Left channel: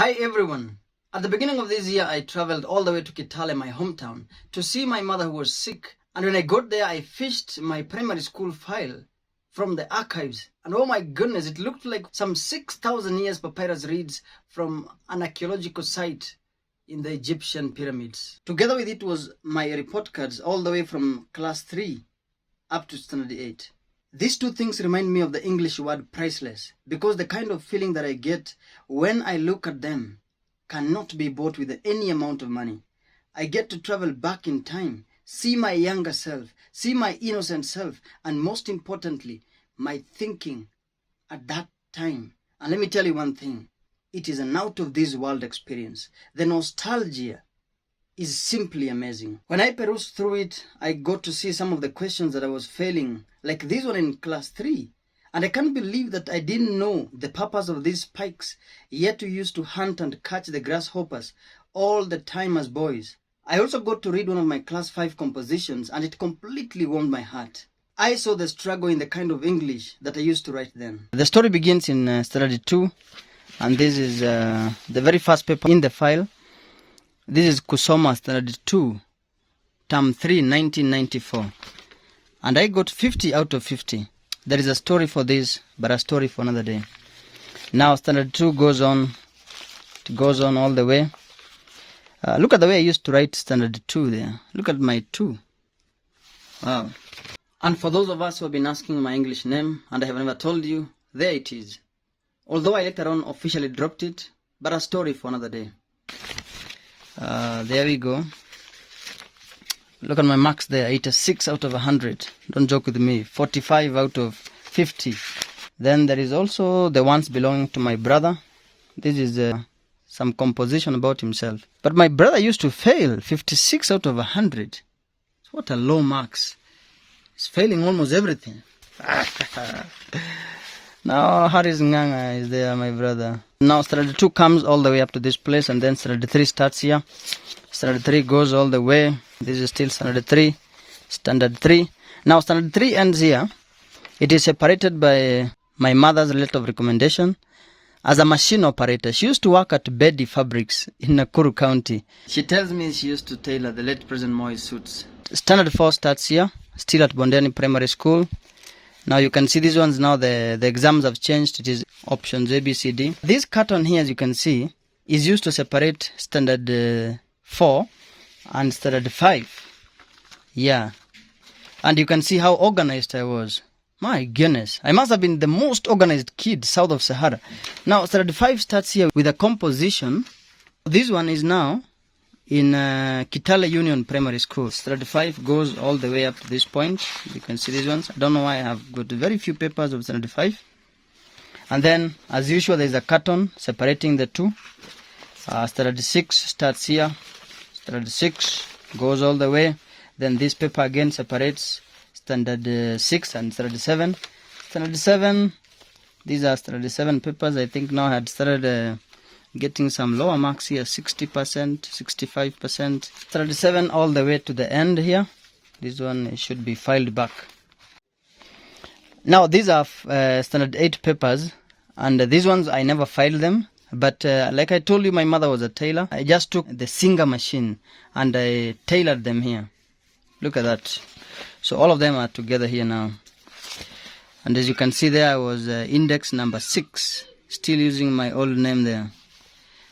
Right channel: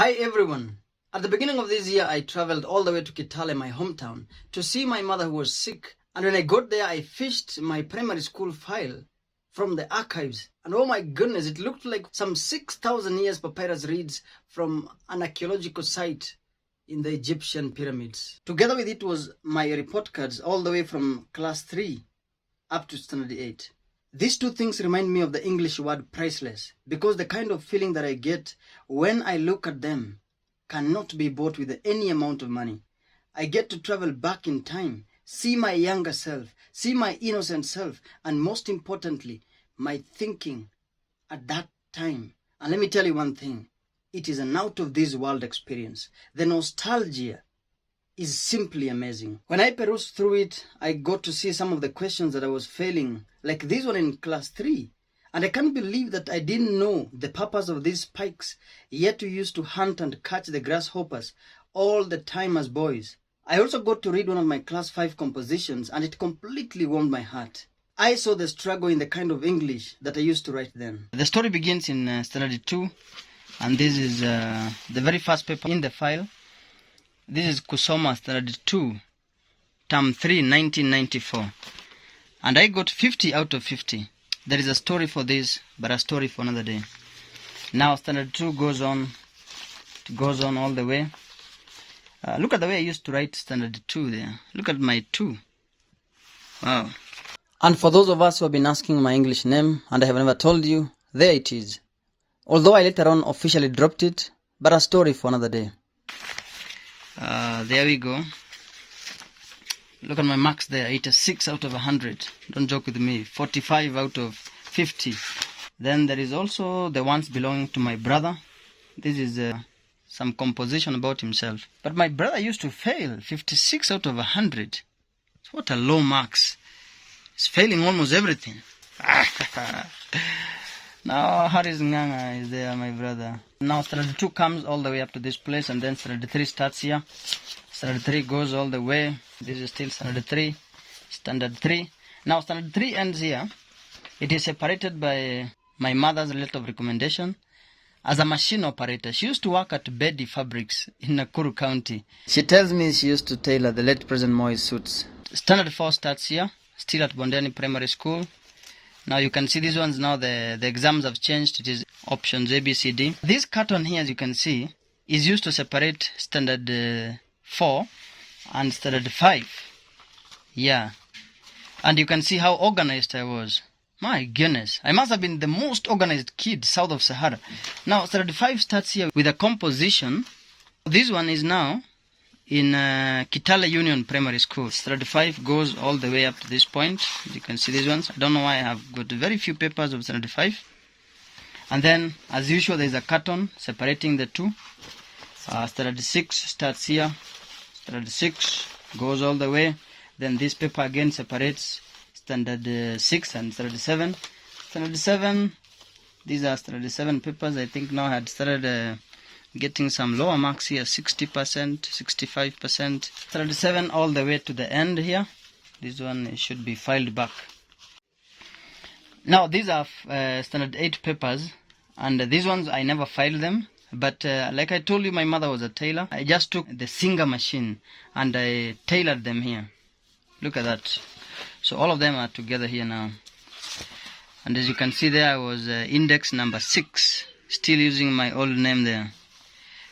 Hi everyone. At the beginning of this year, I traveled all the way to Kitale, my hometown, to see my mother who was sick. And when I got there, I fished my primary school file from the archives. And oh my goodness, it looked like some 6,000 years papyrus reeds from an archaeological site in the Egyptian pyramids. Together with it was my report cards all the way from class 3 up to standard 8. These two things remind me of the English word priceless, because the kind of feeling that I get when I look at them cannot be bought with any amount of money. I get to travel back in time, see my younger self, see my innocent self, and most importantly, my thinking at that time. And let me tell you one thing, it is an out of this world experience. The nostalgia is simply amazing. When I perused through it, I got to see some of the questions that I was failing, like this one in class 3. And I can't believe that I didn't know the purpose of these spikes, yet we used to hunt and catch the grasshoppers all the time as boys. I also got to read one of my class 5 compositions, and it completely warmed my heart. I saw the struggle in the kind of English that I used to write then. The story begins in standard 2, and this is the very first paper in the file. This is Kusoma Standard 2, Term 3, 1994. And I got 50 out of 50. There is a story for this, but a story for another day. Now Standard 2 goes on. It goes on all the way. Look at the way I used to write Standard 2 there. Look at my 2. Wow. And for those of us who have been asking my English name, and I have never told you, there it is. Although I later on officially dropped it, but a story for another day. There we go. Look at my marks there. 86 out of 100. Don't joke with me. 45 out of 50. Then there is also the ones belonging to my brother. This is some composition about himself. But my brother used to fail. 56 out of 100. What a low marks. He's failing almost everything. Now Haris Nganga is there, my brother. Now standard 2 comes all the way up to this place, and then standard 3 starts here. Standard 3 goes all the way. This is still standard 3. Standard 3. Now standard 3 ends here. It is separated by my mother's letter of recommendation as a machine operator. She used to work at Bedi Fabrics in Nakuru County. She tells me she used to tailor the late President Moi's suits. Standard 4 starts here, still at Bondeni Primary School. Now you can see these ones now, the exams have changed. It is options A, B, C, D. This carton here, as you can see, is used to separate standard 4 and standard 5. Yeah. And you can see how organized I was. My goodness. I must have been the most organized kid south of Sahara. Now standard 5 starts here with a composition. This one is now in Kitale Union Primary School. Standard 5 goes all the way up to this point. You can see these ones. I don't know why I have got very few papers of standard 5. And then, as usual, there is a carton separating the two. Standard 6 starts here. Standard 6 goes all the way. Then this paper again separates standard 6 and standard 7. Standard 7, these are standard 7 papers. I think now I had started getting some lower marks here, 60%, 65%. Standard 7 all the way to the end here. This one should be filed back. Now these are standard 8 papers, and these ones I never filed them. But like I told you, my mother was a tailor. I just took the Singer machine and I tailored them here. Look at that. So all of them are together here now. And as you can see there, I was index number 6, still using my old name there.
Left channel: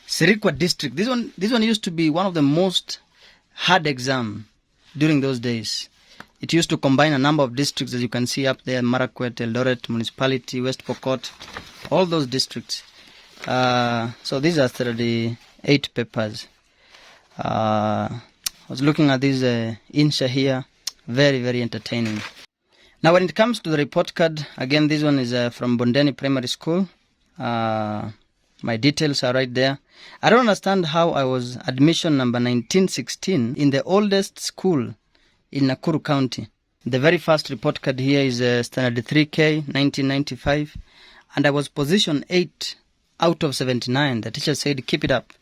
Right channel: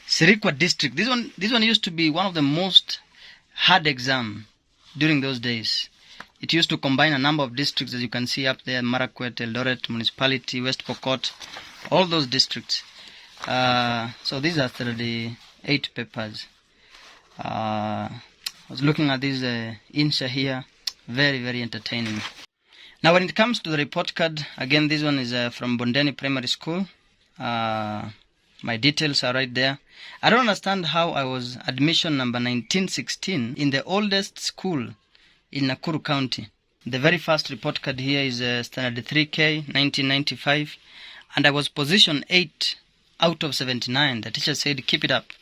Sirikwa district. This one used to be one of the most hard exam during those days. It used to combine a number of districts, as you can see up there: Marakwet, Eldoret Municipality, West Pokot, all those districts. So these are 38 papers. I was looking at this Insha here. Very, very entertaining. Now when it comes to the report card, again this one is from Bondeni Primary School. My details are right there. I don't understand how I was admission number 1916 in the oldest school in Nakuru County. The very first report card here is standard 3K 1995, and I was position 8 out of 79. The teacher said keep it up.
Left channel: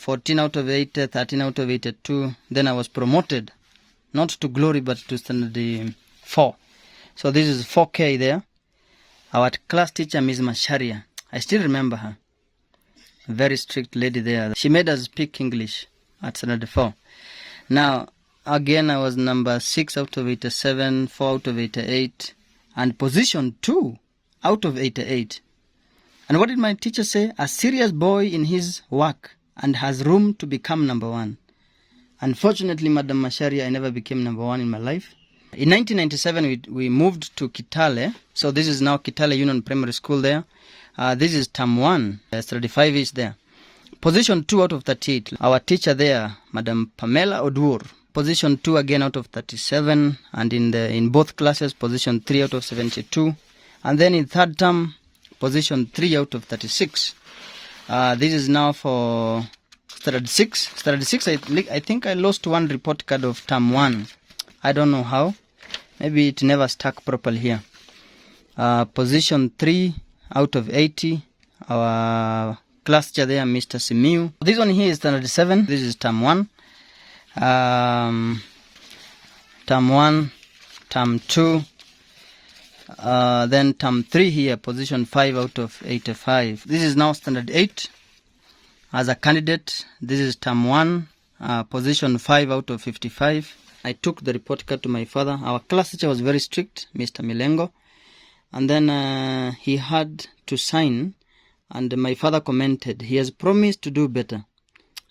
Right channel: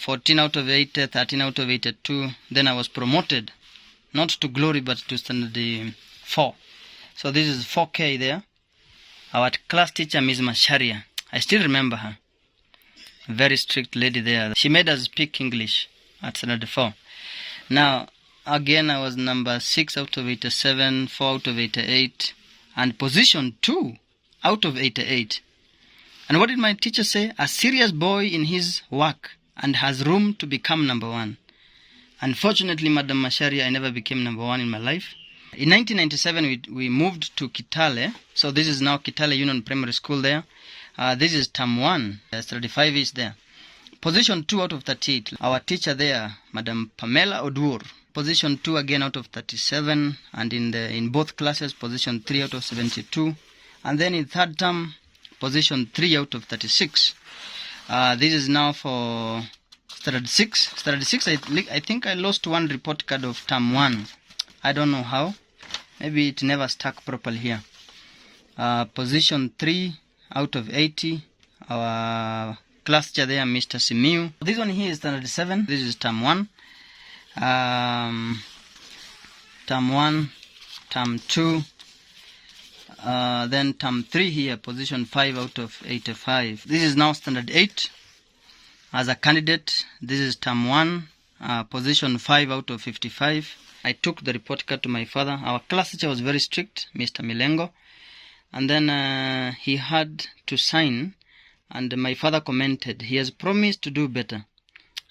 14 out of 8, 13 out of 82. Then I was promoted, not to glory but to standard 4. So this is 4K there. Our class teacher, Ms. Masharia. I still remember her. very strict lady there. She made us speak English at standard 4. Now, again, I was number 6 out of 87, 4 out of 88, and position 2 out of 88. And what did my teacher say? A serious boy in his work and has room to become number 1. Unfortunately, Madam Macharia, I never became number 1 in my life. In 1997, we moved to Kitale. So this is now Kitale Union Primary School there. This is term 1. 35 is there. Position 2 out of 38. Our teacher there, Madam Pamela Odur. Position 2 again out of 37. And in both classes, position 3 out of 72. And then in third term, position 3 out of 36. This is now for standard 6. Standard 6, I think I lost one report card of term 1. I don't know how. Maybe it never stuck properly here. Position 3 out of 80. Our class teacher there, Mr. Simiu. This one here is standard 7. This is term 1. Term 1, term 2. Then term 3 here, position 5 out of 85. This is now standard 8 as a candidate. This is term 1, position 5 out of 55. I took the report card to my father. Our class teacher was very strict, Mr. Milengo. And then he had to sign, and my father commented, he has promised to do better.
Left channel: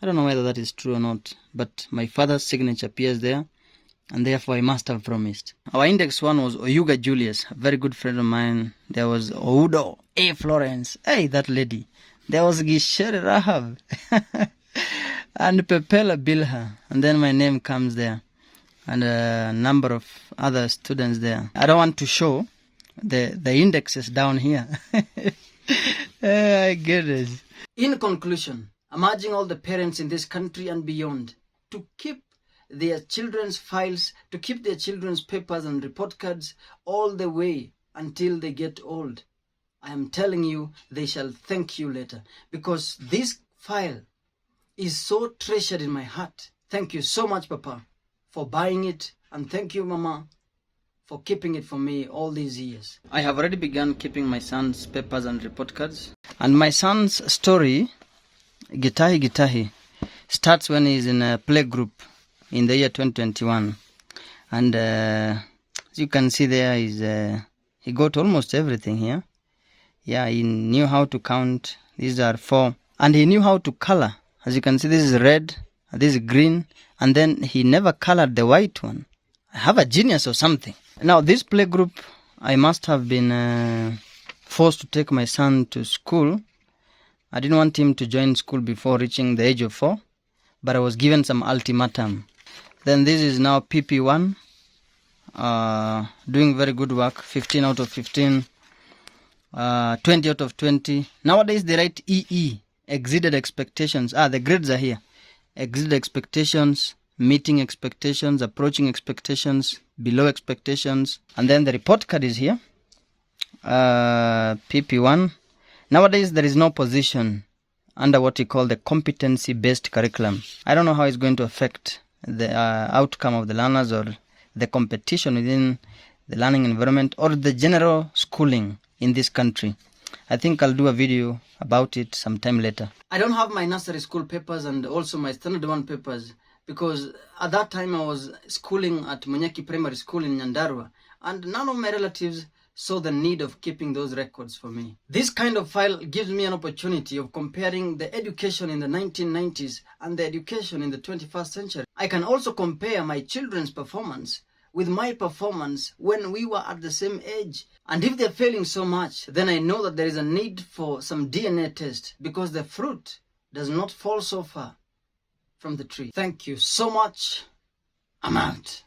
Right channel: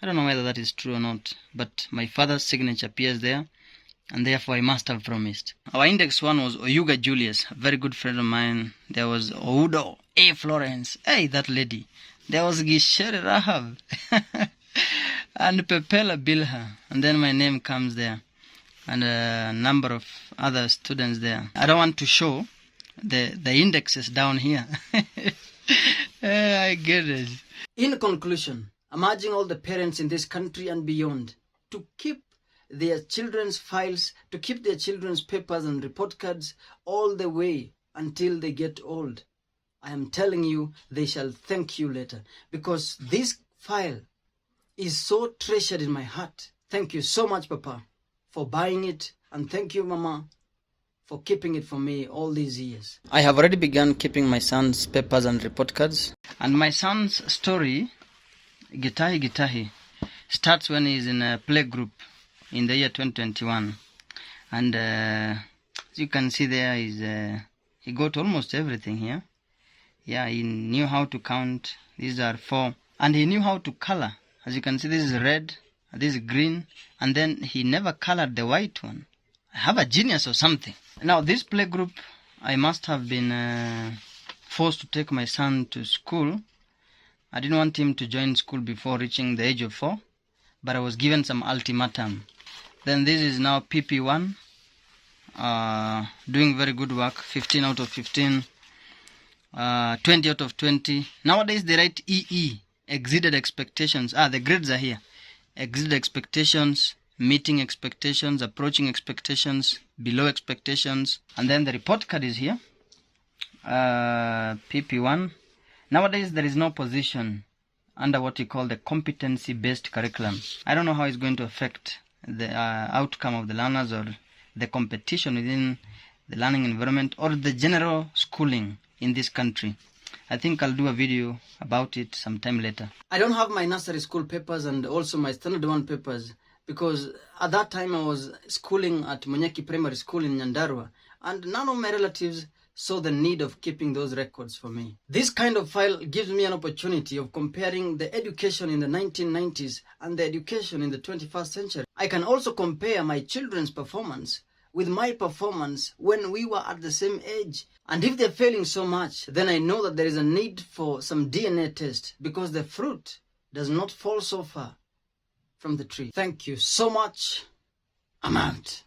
I don't know whether that is true or not, but my father's signature appears there, and therefore I must have promised. Our index 1 was Oyuga Julius, a very good friend of mine. There was Oudo A. Florence, hey, that lady. There was Gishere Rahab, and Pepela Bilha, and then my name comes there, and a number of other students there. I don't want to show the indexes down here. I get it. In conclusion, I'm urging all the parents in this country and beyond to keep their children's files, to keep their children's papers and report cards all the way until they get old. I am telling you, they shall thank you later, because this file is so treasured in my heart. Thank you so much, Papa, for buying it, and thank you, Mama, for keeping it for me all these years. I have already begun keeping my son's papers and report cards, and my son's story, Gitahi Gitahi, starts when he's in a play group in the year 2021. And as you can see there, he got almost everything here. Yeah, he knew how to count. These are 4. And he knew how to color. As you can see, this is red, this is green, and then he never colored the white one. I have a genius or something. Now, this play group, I must have been forced to take my son to school. I didn't want him to join school before reaching the age of 4, but I was given some ultimatum. Then this is now PP1, doing very good work, 15 out of 15, 20 out of 20. Nowadays they write EE, exceeded expectations. The grades are here. Exceeded expectations, meeting expectations, approaching expectations, below expectations. And then the report card is here, PP1. Nowadays there is no position under what we call the competency-based curriculum. I don't know how it's going to affect the outcome of the learners or the competition within the learning environment or the general schooling in this country. I think I'll do a video about it sometime later. I don't have my nursery school papers and also my standard 1 papers because at that time I was schooling at Munyaki Primary School in Nyandarua, and none of my relatives saw the need of keeping those records for me. This kind of file gives me an opportunity of comparing the education in the 1990s and the education in the 21st century. I can also compare my children's performance with my performance when we were at the same age. And if they're failing so much, then I know that there is a need for some DNA test because the fruit does not fall so far from the tree. Thank you so much. I'm out.